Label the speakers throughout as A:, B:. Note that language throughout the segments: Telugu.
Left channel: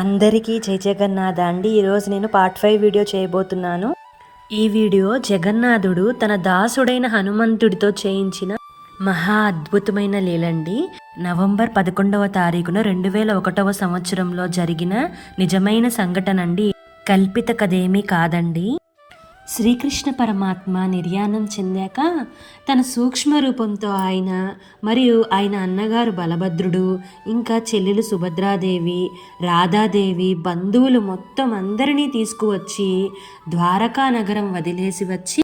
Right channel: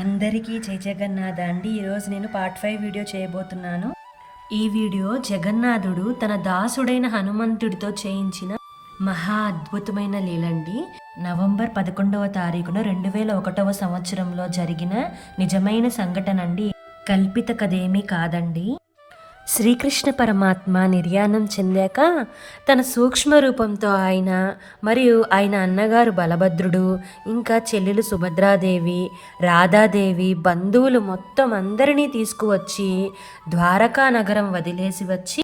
A: అందరికీ జై జగన్నాథ అండి. ఈరోజు నేను పార్ట్ ఫైవ్ వీడియో చేయబోతున్నాను. ఈ వీడియో జగన్నాథుడు తన దాసుడైన హనుమంతుడితో చేయించిన మహా అద్భుతమైన లీలండి. నవంబర్ పదకొండవ తారీఖున రెండు వేల ఒకటవ సంవత్సరంలో జరిగిన నిజమైన సంఘటన అండి. కల్పిత కథేమీ కాదండి. శ్రీకృష్ణ పరమాత్మ నిర్యాణం చెందాక తన సూక్ష్మ రూపంతో ఆయన మరియు ఆయన అన్నగారు బలభద్రుడు ఇంకా చెల్లెలు సుభద్రాదేవి రాధాదేవి బంధువులు మొత్తం అందరినీ తీసుకువచ్చి ద్వారకా నగరం వదిలేసి వచ్చి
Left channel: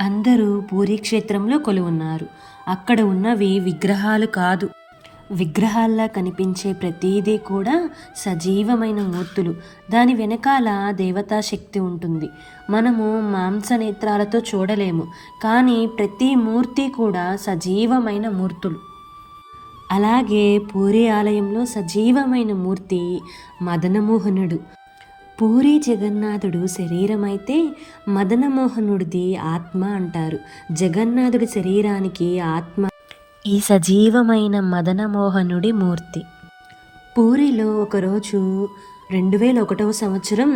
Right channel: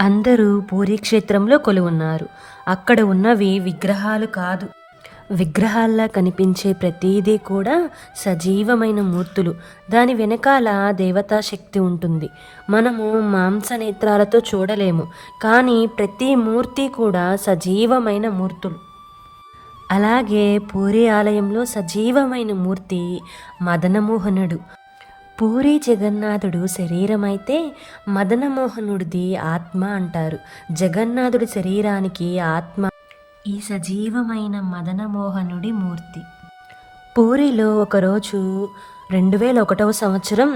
A: అందరూ పూరీక్షేత్రంలో కొలువున్నారు. అక్కడ ఉన్నవి విగ్రహాలు కాదు. విగ్రహాల్లా కనిపించే ప్రతీదీ కూడా సజీవమైన మూర్తులు. దాని వెనకాల దేవతా శక్తి ఉంటుంది. మనము మాంసనేత్రాలతో చూడలేము. కానీ ప్రతి మూర్తి కూడా సజీవమైన మూర్తులు. అలాగే పూరి ఆలయంలో సజీవమైన మూర్తి మదనమోహనుడు. పూరి జగన్నాథుడు శరీరమైతే మదనమోహనుడిది ఆత్మ అంటారు. జగన్నాథుడి శరీరానికి ఆత్మ ఈ సజీవమైన మదనమోహనుడి మూర్తి. పూరిలో ఒకరోజు రెండు వేల ఒకటవ సంవత్సరం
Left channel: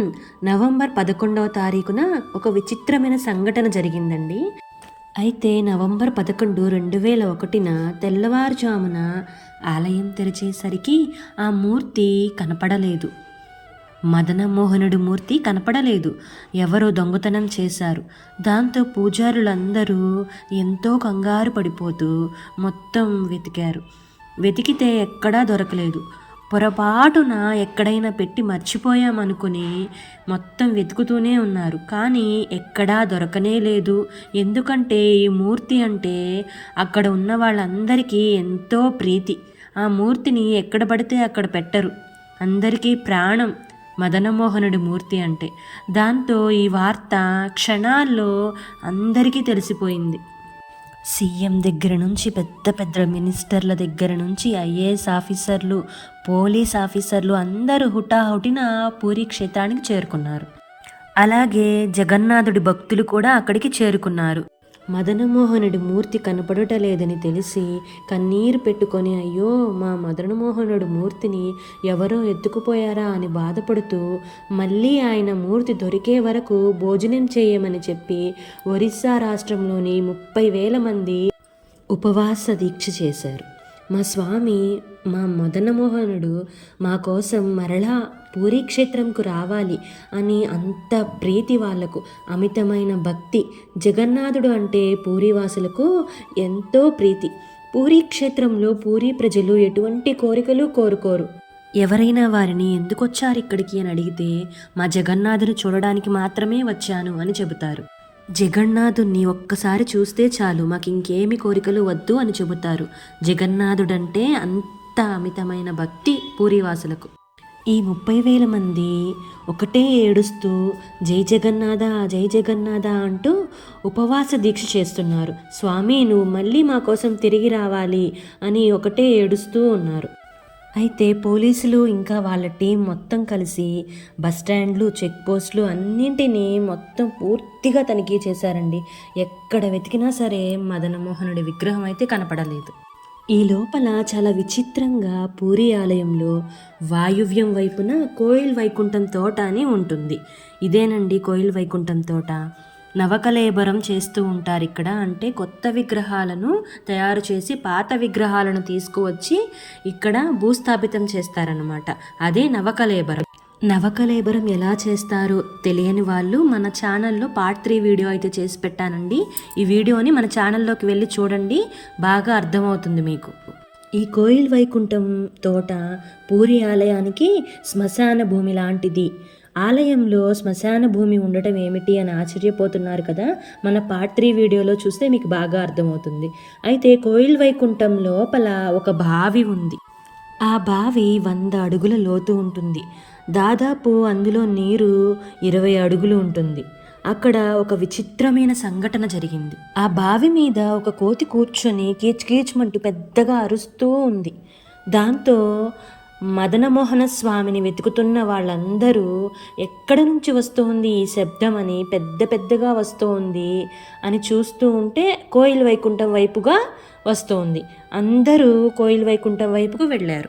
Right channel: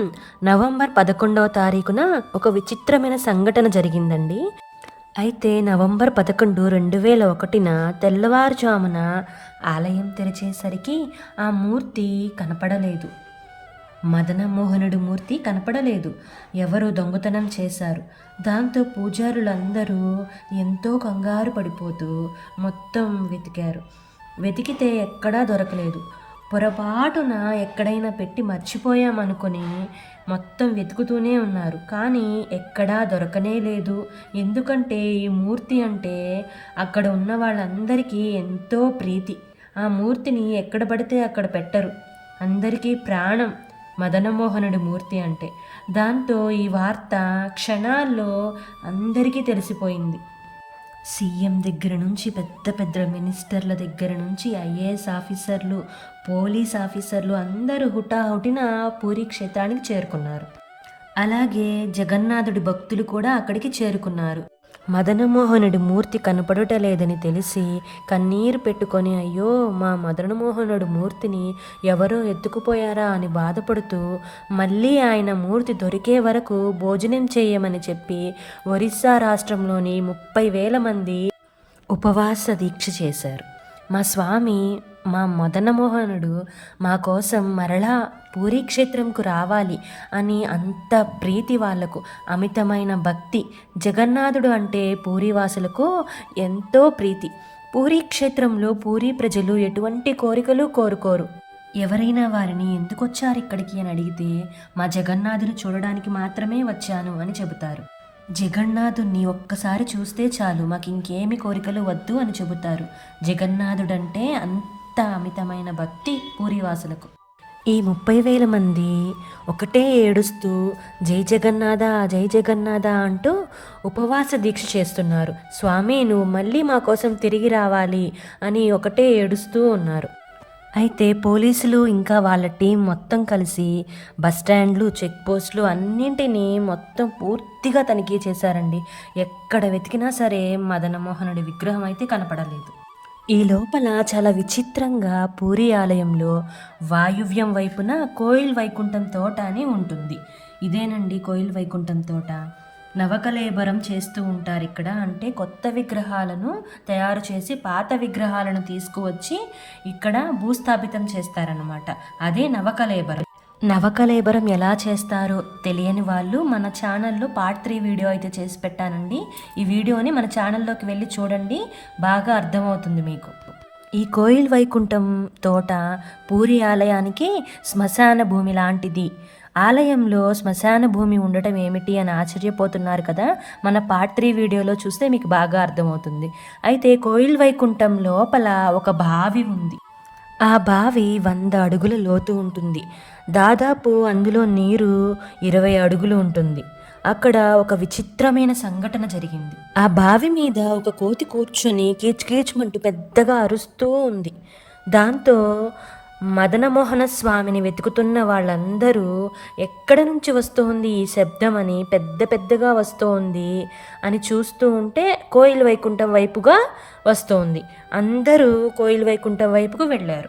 A: నవంబర్ పదకొండవ తారీఖున ఒక విచిత్రమైన సంఘటన జరిగిందండి. అయితే నవంబర్ పదకొండు రెండు వేల ఒకటిన తెల్లవారుజామున ఆలయం తెరిచేసరికి ఆ మూర్తి కనపడలేదు. మదనమోహనుడి మూర్తి కనపడలేదు. ఎవరో దొంగతనం చేశారు. దాంతో పూజారులందరూ ఎంతో కంగారు పడిపోతూ మొత్తం వెతికారు. వెతికితే ఎక్కడా దొరకలేదు. పొరపాటున ఎక్కడైనా పెట్టి మర్చిపోయామనుకుని మొత్తం వెతుకుతూనే ఉన్నారు. కానీ ఎక్కడా దొరకనే లేదు. ఎందుకంటే ఈ మూర్తి అంటే అక్కడ ఉన్న వాళ్ళందరికీ ఎంతో ప్రీతి. ఆ మూర్తిని ఎక్కడ పడితే అక్కడ పెట్టరు. అందరికీ ప్రాణం. మదనమోహనుడి మూర్తి అంటే. దాంతో ఈ వార్త క్షణాల్లో అందరికీ తెలిసిపోయింది. సీఎం దగ్గర నుంచి పెద్ద పెద్ద మినిస్టర్ల దగ్గర నుంచి ఐఏఎస్ ఆఫీసర్లు పోలీస్ ఆఫీసర్లు అందరూ హుటాహుటిన పూరి క్షేత్రానికి చేరుకున్నారు. అలాగే జగన్నాథుడి భక్తులు కూడా అక్కడికి చేరుకున్నారు. మదనమోహనుడి మూర్తి కనపడుట లేదని తెలిసి కన్నీరు పెట్టుకొని అయ్యో మా మదనమోహనుడి మూర్తిని ఎవరో ఎత్తుకుపోయారా? అని బాధపడుతూ మళ్ళీ ఆయన మూర్తి దొరికే వరకు భోజనం చేయమని చెప్పి ఒరిస్సా రాష్ట్రంలోని ముప్పై వేల మంది ఉపవాస దీక్ష చేశారు. మా స్వామి మా మదనమోహనుడు మా కోసం మరలా పూరీ క్షేత్రంకు రావాలి అని అంత ప్రీతి వాళ్ళకు అమితమైన భక్తి. జగన్నాథుడు అంటే పూరివాసులకు ఎంతో ప్రీతి. పూరీ క్షేత్రంలో పూరీ ప్రజలు ఎటువంటి కోరికలు కోరుకోరు. ఎవరైనా వారిని ఎందుకు వచ్చారు ఇక్కడికి అని అడిగితే మా జగన్నాథుని చూడడానికి మాత్రమే వచ్చాను అని చెబుతారు. జగన్నాథుణ్ణి ఒక్కసారి చూస్తే చాలు మాకు ఇంకేమి కోరికలు వద్దు అని చెబుతారు. జగన్నాథుడంటే అంత అమితమైన భక్తి పూరివాసులకు. ఈ ముప్పై వేల మంది ఒకటే ఏడుస్తూ జై జగన్నాథ జై జగన్నాథ అంటూ ఉపవాస దీక్ష చేస్తున్నారు. స్వామి నువ్వు మళ్ళీ మా కోసం తిరిగి రావాలి అని ఒకటే ఏడుస్తూ ఉన్నారు. అయితే పోలీసులు ఇంకా వాళ్ళ టీం మొత్తం కలిసి బస్టాండ్లు చెక్ పోస్టులు అన్నింటినీ మొత్తం పూర్తిగా తనిఖీ చేశారండి. ఎక్కడ వెతికినా సరే మదనమోహనుడి విగ్రహం అయితే కనపడలేదు. ఈ లోపల చాలా విచిత్రంగా పూరి ఆలయంలో వాయువ్యం వైపున కోయిల్ వైకుంఠం తోట అని ఉంటుంది. ఇదేనండి కోయిల్ వైకుంఠం తోట. నవకలేబరం చేస్తూ ఉంటారు ఇక్కడ. అంటే కొత్త విగ్రహాలను తయారు చేసి పాత విగ్రహాలను తీసుకువచ్చి ఇక్కడ భూస్థాపితం చేస్తారనమాట అదే నవకలేబరం. నవకలేబరం ఎలా చేస్తారో తెలియని వాళ్ళు మన ఛానల్లో పార్ట్ త్రీ వీడియో అయితే చేసి పెట్టానండి. ఈ వీడియోని మన ఛానల్లోకి వెళ్ళి చూడండి బాగా అర్థమవుతుంది మీకు. ఈ కోయిల్ వైకుంఠం తోట పూరి ఆలయానికి శ్మశాన భూమి లాంటిది. ఆలయంలో శ్మశాన భూమి ఉండటం ఏమిటి అని ఆశ్చర్యపోతున్నారు కదా? మన పార్ట్ త్రీ వీడియోలో చూస్తే మీకు బాగా అర్థమవుతుంది. అయితే కోయిల్ వైకుంఠం లోపల ఒక బావి ఉంది. ఆ బావి వంద అడుగుల లోతు ఉంటుంది. దాదాపు అందులో నీరు ఇరవై అడుగులు ఉంటుంది. అక్కడ ఒక విచిత్రమైన సంఘటన జరిగింది. ఆ బావి మీద ఒక కోతి కూర్చొని కీచ్కీచ్మంటూ పెద్దగా అరుస్తూ ఉంది. దాంతో మదనమోహన స్వామిని వెతుకుతున్న వాళ్ళందరూ ఎక్కడ నుంచి వస్తుంది ఈ శబ్దం అని పెద్ద పెద్దగా వస్తోంది అని చూస్తూ ఉంటే కోయిల్ వైకుంఠం వైపుగా వస్తోంది. అందరూ కోయిల్ వైకుంఠం వైపుకు వెళ్ళారు.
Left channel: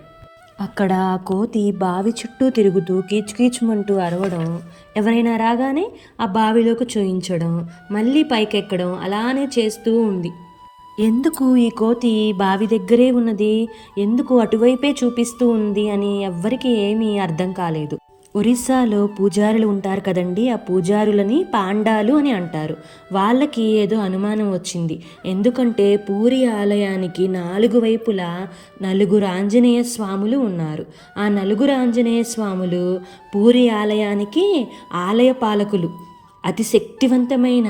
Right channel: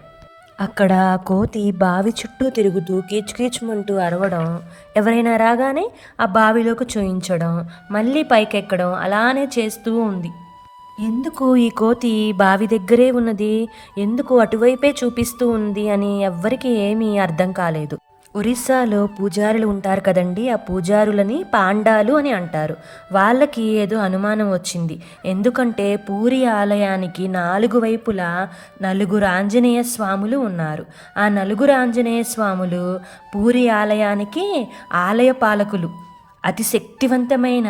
A: అక్కడ కోతి బావి చుట్టూ తిరుగుతూ కీచుకీచుమంటూ అరవడం ఎవరైనా రాగానే ఆ బావిలోకి చూయించడం మళ్ళీ పైకెక్కడం అలానే చేస్తూ ఉంది. ఎందుకు ఈ కోతి బావి దగ్గరే ఉన్నది? ఎందుకు అటువైపే చూపిస్తూ ఉంది అని ఎవ్వరికీ ఏమీ అర్థం కాలేదు. ఒరిస్సాలో పూజారులు ఉంటారు కదండి ఆ పూజారులని పాండాలు అని అంటారు. వాళ్ళకి ఏదో అనుమానం వచ్చింది. ఎందుకంటే పూరి ఆలయానికి నాలుగు వైపులా నలుగురు ఆంజనేయ స్వాములు ఉన్నారు. ఆ నలుగురు ఆంజనేయ స్వాములు పూరి ఆలయానికి ఆలయ పాలకులు. అతి శక్తివంతమైన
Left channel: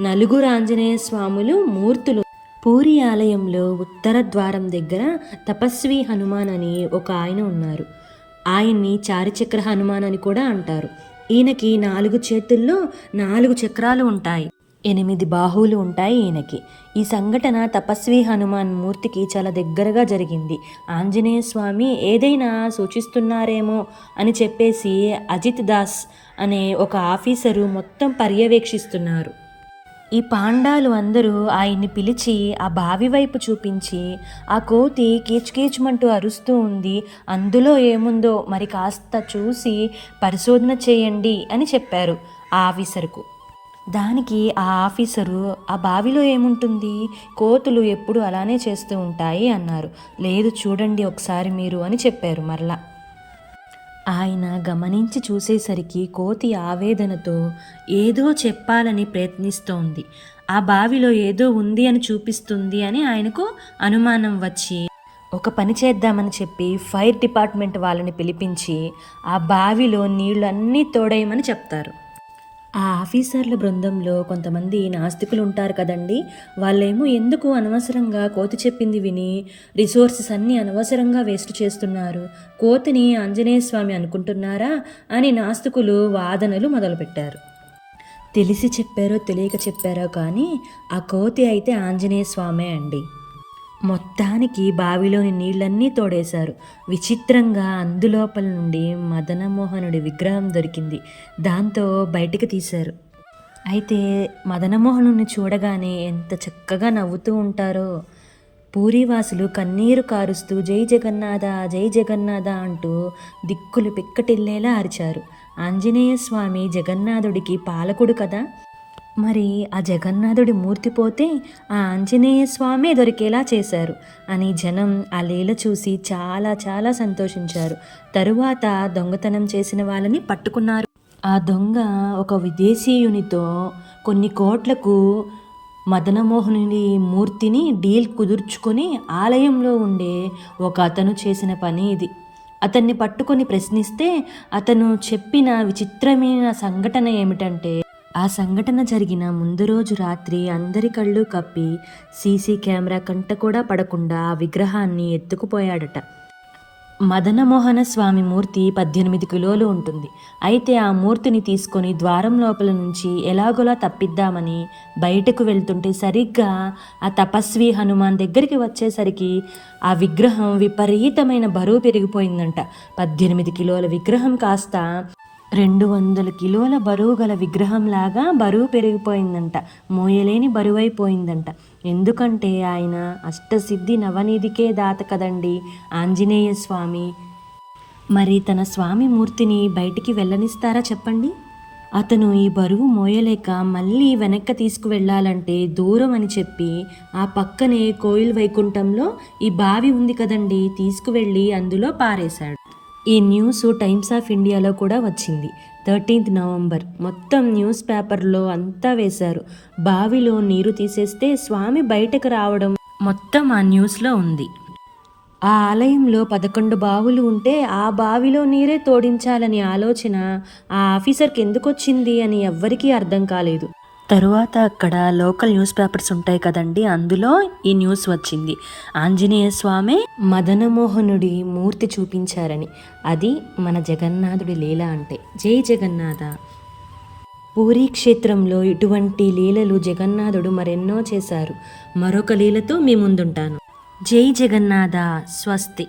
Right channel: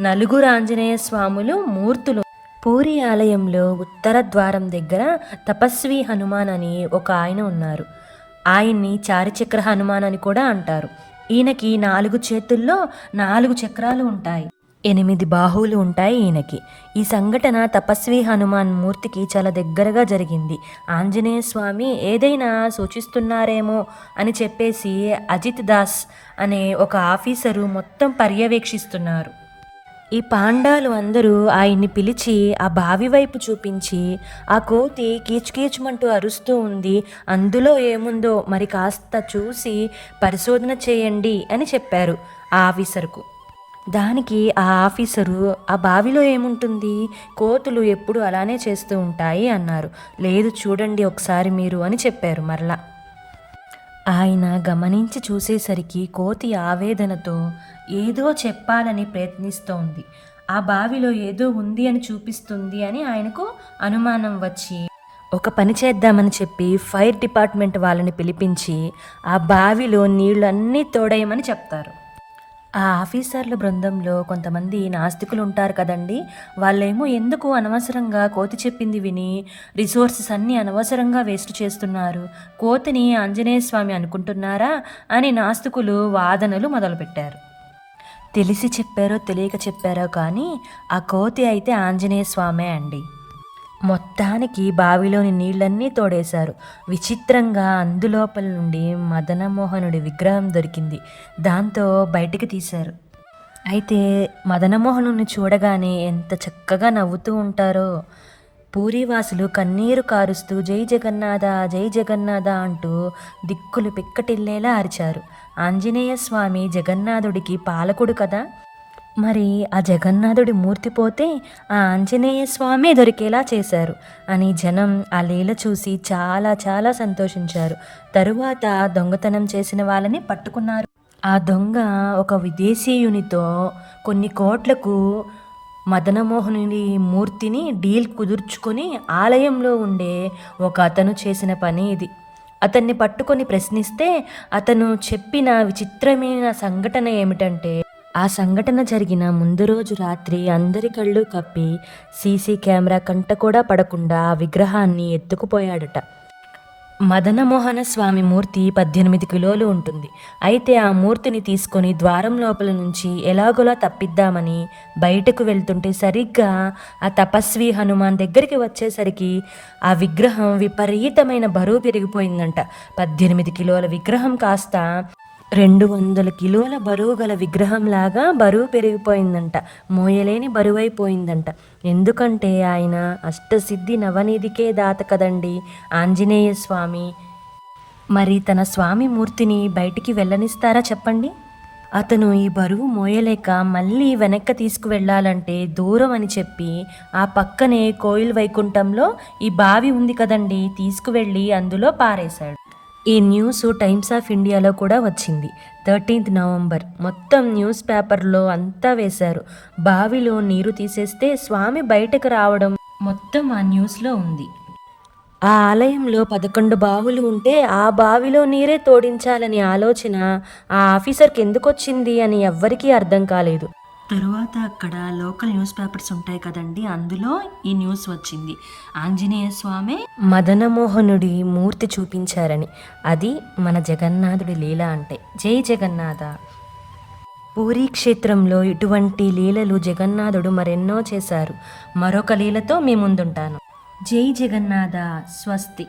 A: నలుగురు ఆంజనేయ స్వాములు మూర్తులు పూరి ఆలయంలో ఉత్తర ద్వారం దగ్గర తపస్వి హనుమాన్ అని ఒక ఆయన ఉన్నారు. ఆయన్ని చారిచక్ర హనుమాన్ అని కూడా అంటారు. ఈయనకి నాలుగు చేతుల్లో నాలుగు చక్రాలు ఉంటాయి. ఎనిమిది బాహువులు ఉంటాయి ఈయనకి. ఈ సంఘటన తపస్వి హనుమాన్ మూర్తికి చాలా దగ్గరగా జరిగింది. ఆంజనేయ స్వామి ఏదైనా సూచిస్తున్నారేమో అని చెప్పేసి అజిత్ దాస్ అనే ఒక ఆఫీసరు మొత్తం పర్యవేక్షిస్తున్నారు. ఈ పాండాలు అందరూ ఆయన్ని పిలిచి ఆ బావి వైపు చూపించి ఆ కోతి కీచుకీచుమంటూ అరుస్తూ ఉంది. అందులో ఏముందో మరి కాస్త చూసి పరిశోధన చేయండి అని చెప్పారు ఆ ఆఫీసర్కు. దానికి ఆ ఆఫీసరు ఆ బావిలో ఏముంటుంది? కోతులు ఎప్పుడు అలానే చేస్తూ ఉంటాయి అన్నారు. లేదు చూడండి ఒకసారి మీరు అని చెప్పారు మరలా. ఆయన గమనించి చూసేసరికి కోతి ఆవేదనతో ఏదో చెప్పాలని ప్రయత్నిస్తోంది. ఆ బావిలో ఏదో ఉంది అని చూపిస్తుంది అని ఆయనకు అనుమానం వచ్చి ఒక పని చేద్దామని చెప్పి ఫైర్ డిపార్ట్మెంట్ వాళ్ళని పిలిపించి ఆ బావిలో నీళ్ళన్నీ తోడేయమని చెప్తారు. ఆ ఆఫీసర్ల బృందంలో కొంతమంది నాస్తికులు ఉంటారు కదండి. వాళ్ళేమో ఎందుకు అనవసరంగా కోతి చెప్పింది విని రిసోర్సెస్ అన్నీ అనవసరంగా వేస్ట్ చేస్తున్నారు. కోతిని ఆంజనేయ స్వామి అనుకుంటున్నారా అని నాస్తికులు వాదనలు మొదలుపెట్టారు. తెలిసి చెప్పారో తెలియక చెప్పారో కానీ ఆ కోతి అయితే ఆంజనేయ స్వామే అండి. మొత్తానికి బావిలోని నీళ్ళన్నీ తోడేశారు. విచిత్రంగా అందులోపల నుండి మదనమోహనుడి విగ్రహం దొరికింది. దాంతో బయటికి తీశారు. అయితే మదనమోహనుని చూడగానే ఎంత చక్కగా నవ్వుతూ ఉంటారో. పూరివాసులు కన్నీరు కారుస్తూ జై జగన్నాథ జై జగన్నాథ అంటూ దిక్కులు పిక్కటిల్లేలా అరిచారు. ఆంజనేయ స్వామి జగన్నాథుడికి పాలకుడు కదా? మరి ఆ జగన్నాథుడి మూర్తి పోతే ఆ ఆంజనేయ స్వామే దొరికేలా చేశారు. అని జనం ఆ లీల చూసి చాలా చాలా సంతోషించారు. తరువాత దొంగతనం చేసిన వాళ్ళని పట్టుకున్నారు. ఆ దొంగ ఒక విదేశీయునితో కొన్ని కోట్లకు మదనమోహనుడి మూర్తిని డీల్ కుదుర్చుకొని ఆలయంలో ఉండే ఒక అతను చేసిన పని ఇది. అతన్ని పట్టుకొని ప్రశ్నిస్తే అతను చెప్పిన విచిత్రమైన సంఘటన ఏమిటంటే ఆ సంఘటన జరిగిన ముందు రోజు రాత్రి అందరి కళ్ళు కప్పి సీసీ కెమెరా కంట కూడా పడకుండా ఆ విగ్రహాన్ని ఎత్తుకుపోయాడట. మదనమోహన స్వామి మూర్తి పద్దెనిమిది కిలోలు ఉంటుంది. అయితే ఆ మూర్తిని తీసుకొని ద్వారం లోపల నుంచి ఎలాగోలా తప్పిద్దామని బయటకు వెళ్తుంటే సరిగ్గా ఆ తపస్వి హనుమాన్ దగ్గరికి వచ్చేసరికి ఆ విగ్రహం విపరీతమైన బరువు పెరిగిపోయిందంట. పద్దెనిమిది కిలోల విగ్రహం కాస్త రెండు వందల కిలోల బరువు గల విగ్రహంలాగా బరువు పెరిగిపోయిందంట. మోయలేని బరువైపోయిందంట. ఎందుకంటే ఆయన అష్టసిద్ధి నవనిధికే దాత కదండి ఆంజనేయ స్వామి మరి తన స్వామి మూర్తిని బయటికి వెళ్ళనిస్తారా చెప్పండి? అతను ఈ బరువు మోయలేక మళ్ళీ వెనక్కి తీసుకువెళ్ళాలంటే దూరం అని చెప్పి ఆ పక్కనే కోయిల్ వైకుంఠంలో ఈ బావి ఉంది కదండి తీసుకువెళ్ళి అందులో పారేశాడు. ఈ న్యూస్ టైమ్స్ ఆఫ్ ఇండియాలో కూడా వచ్చింది. Thirteenth November. మొత్తం న్యూస్ పేపర్లో అంతా వేశారు. బావిలో నీరు తీసేస్తే స్వామి బయటకు రావడం మొత్తం ఆ న్యూస్లో ఉంది. ఆ ఆలయంలో పదకొండు బావులు ఉంటే ఆ బావిలో నీరే తోడించాలని ఆలోచన ఆ ఆఫీసర్కి ఎందుకు వచ్చింది అని ఎవ్వరికీ అర్థం కాలేదు. తరువాత అక్కడ లోకల్ న్యూస్ పేపర్స్ ఉంటాయి కదండి అందులో ఈ న్యూస్ వచ్చింది. ఆంజనేయ స్వామి మదనమోహనుడి మూర్తి చూపించారని. అది మన జగన్నాథుడి లీల అంటే. జై జగన్నాథ. పూరీ క్షేత్రంలో ఇటువంటి లీలలు జగన్నాథుడు మరెన్నో చేశారు. మరొక లీలతో మీ ముందుంటాను. జై జగన్నాథ. స్వస్తి.